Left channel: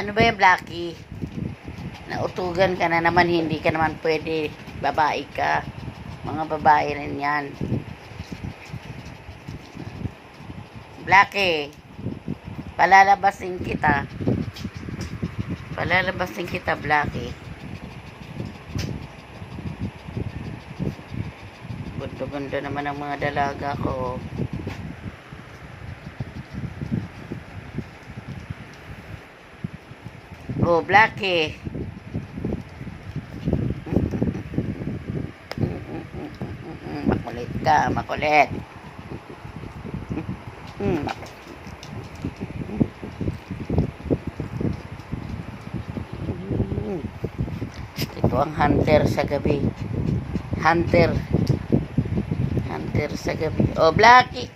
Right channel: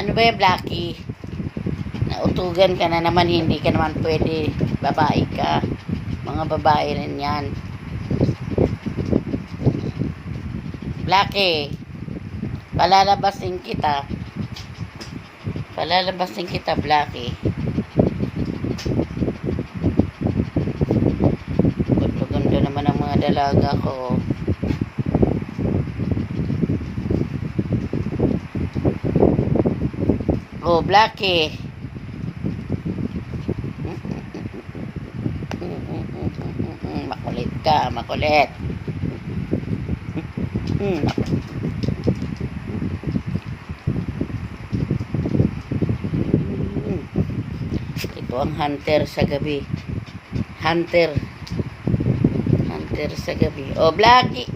Ano ba yung Blackie? Nautugan ka na naman, hindi ka naman pwede. Babae ka. Mga babae rin yan. Blackie, palalabasin kita. Palalabasin kita, Blackie. Ganda-ganda naman ang mga dalaga ko. Oh, Blackie. Makulit ka, makulit. Mak-. Ito ang hunter sa gabi. Hunter. Hunter sa gabi. Oh, Blackie.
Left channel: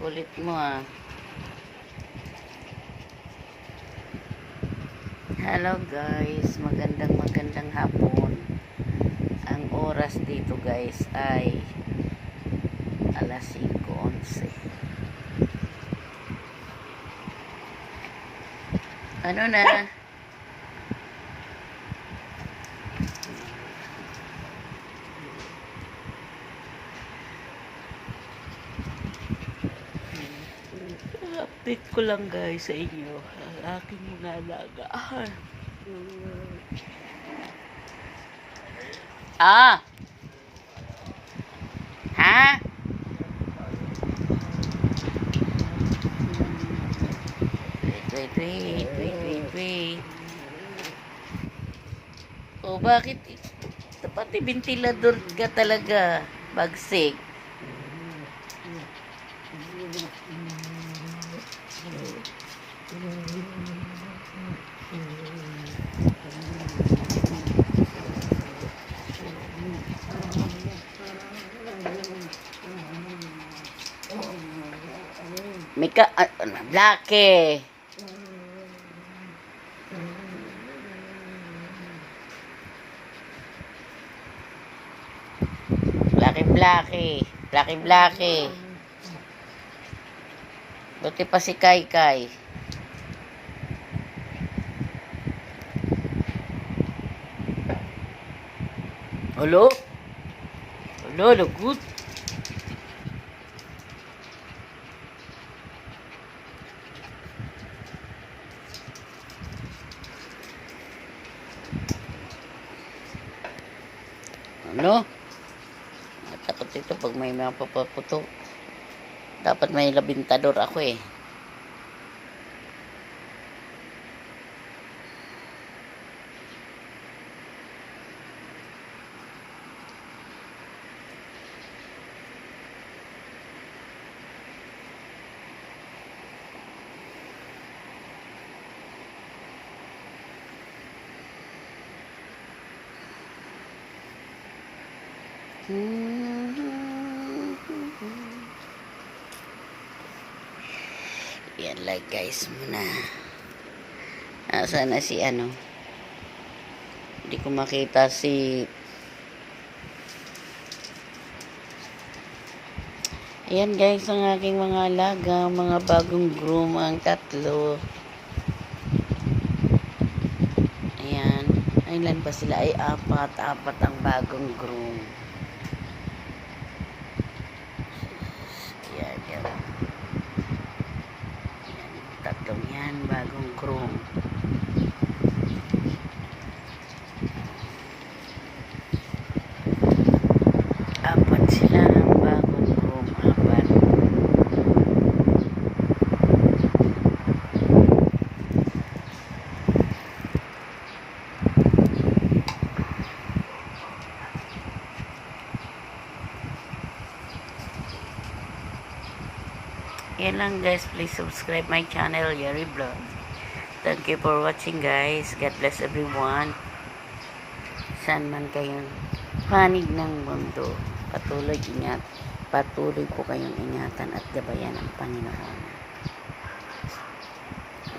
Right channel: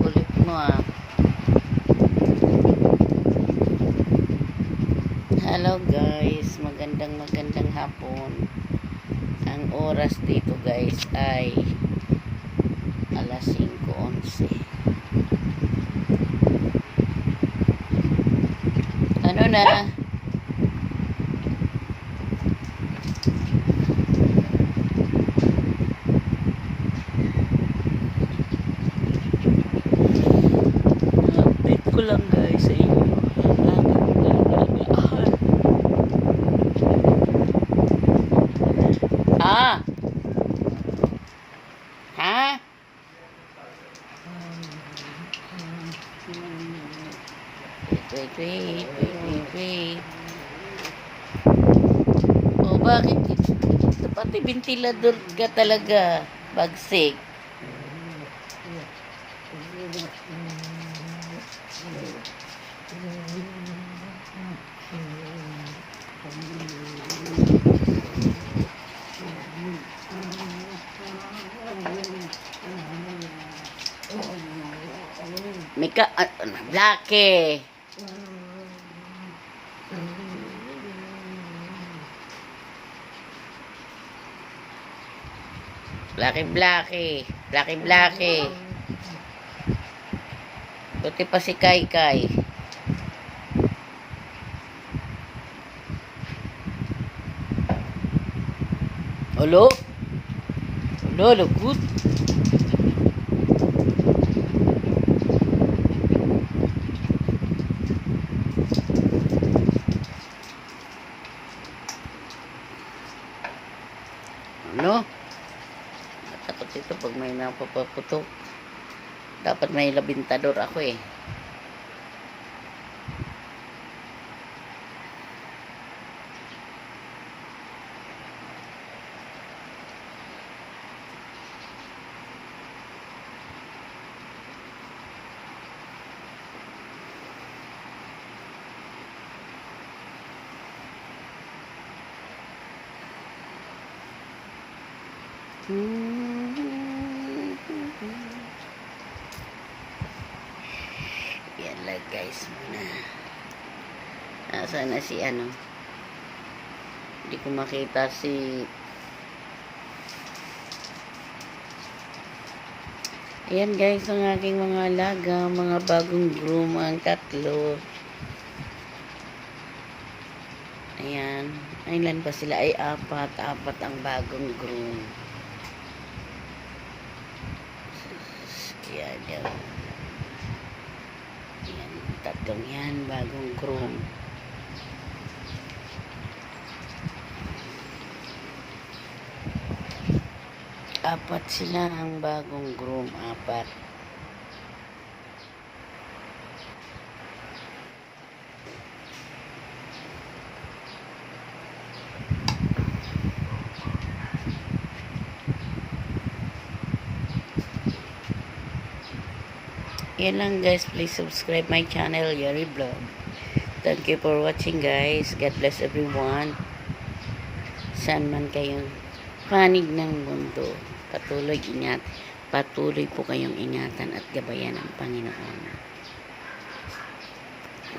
Kulit mo ah. Hello guys, magandang magandang hapon. Ang oras dito guys ay alas 5.11. Ano na? Update ko lang guys sa inyo ang aking nalagahan. Ah! Ha? Wait, wait, wait, wait, wait. Oh, bakit? Pati ventilador ka talaga. Bagsik. May ka... ah, Blackie. Blackie, Blackie. Blackie, Blackie. Buti pa si Kai Kai. Hello? Hello, lagot. Ano? Nakatot ito pag may napapaputok. Dapat may labintador ako eh. Yan like guys muna. Nasaan na si ano? Hindi ko makita si Ayan guys ang aking mga alaga, mga bagong groom ang tatlo. Ayan. Ilan pa sila? Ay apat. Apat ang bagong groom. Yan. Ayan, tatlong yan, bagong groom. Apat sila ang bagong groom, apat. Yan lang guys. Please subscribe my channel, Yari Vlog. Thank you for watching guys. God bless everyone. Saan man kayong panig ng mundo. Patuloy ingat. Patuloy po kayong ingatan at gabayan ng Panginoon.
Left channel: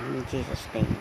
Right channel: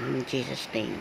In Jesus' name.